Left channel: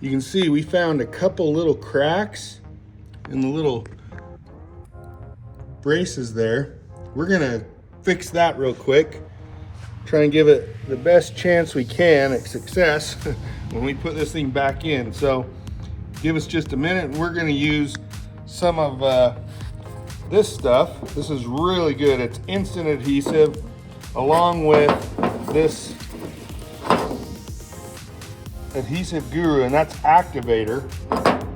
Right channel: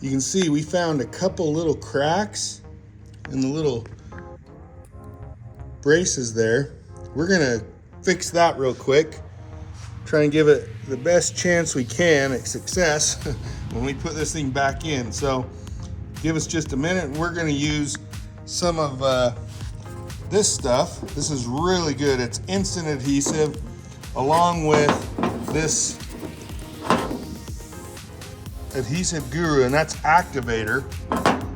You can see we found a couple little cracks in the little braces there. We're gonna fix that real quick. Try and give it the best chance we can at success when we put this thing back in. So give us just a minute. We're gonna use some of this stuff. This is really good. It's instant adhesive along with this adhesive guru, and that's activator,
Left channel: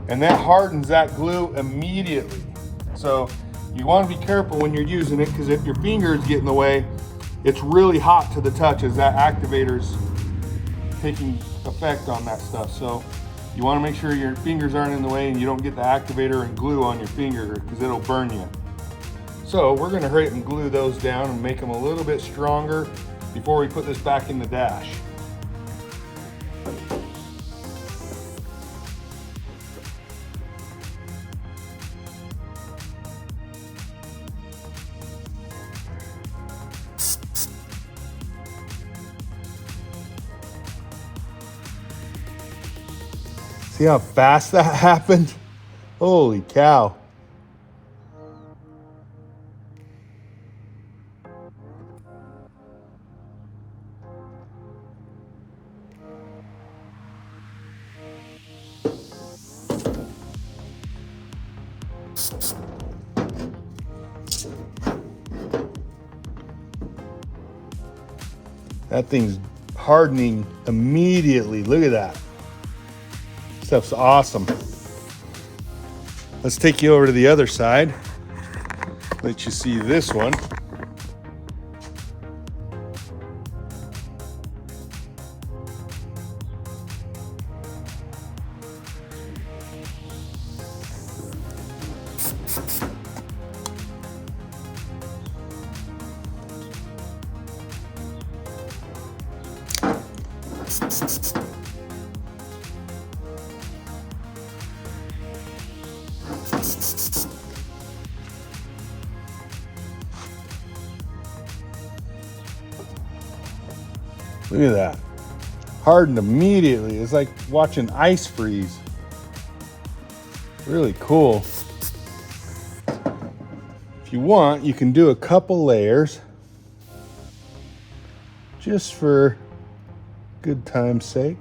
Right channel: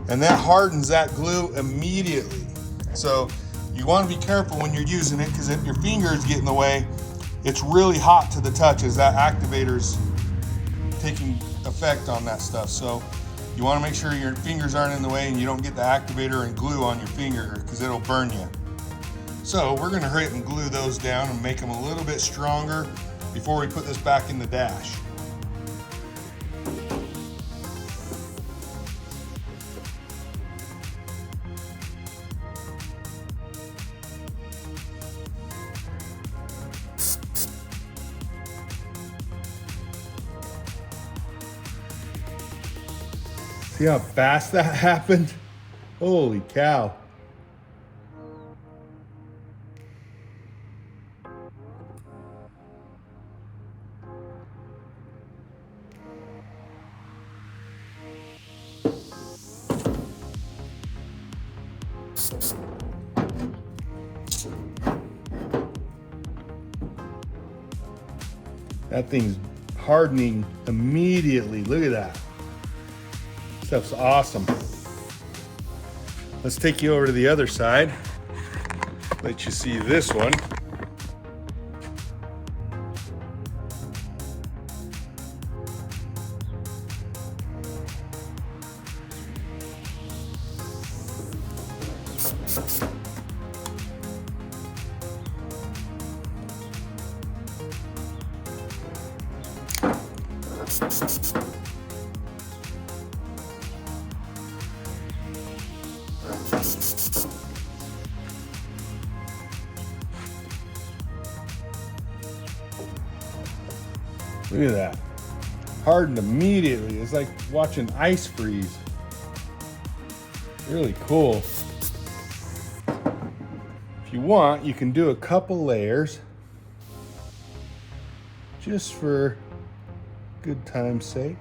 and that hardens that glue immediately. So you want to be careful when you're using it, because if your fingers get in the way, it's really hot to the touch as that activator's taking effect on that stuff. So you want to make sure your fingers aren't in the way and you don't get the activator and glue on your finger, because it'll burn you. So we're going to hurry up and glue those down and make them a little bit stronger before we put this back in the dash. See how fast that happened? Holy cow. That thing's hardening immediately. Look at that. Stuff's awesome. Let's take you over to the other side. Let you see this one. Look at that. Hardened immediately. It's like watching ice freeze. Really cool. If you want, you can do a couple layers just for good time's sake.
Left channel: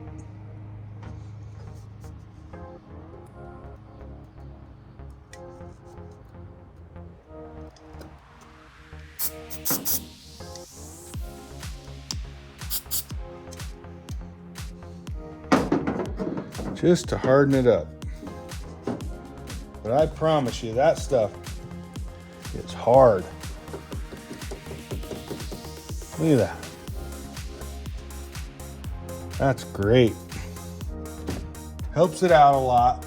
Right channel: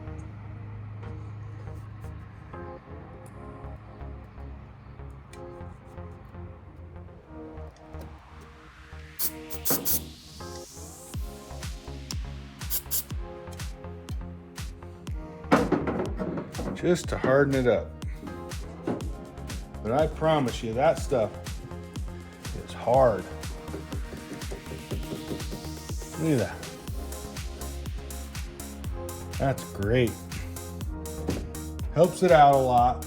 Just to harden it up. But I promise you, that stuff is hard. Look at that. That's great. Helps it out a lot.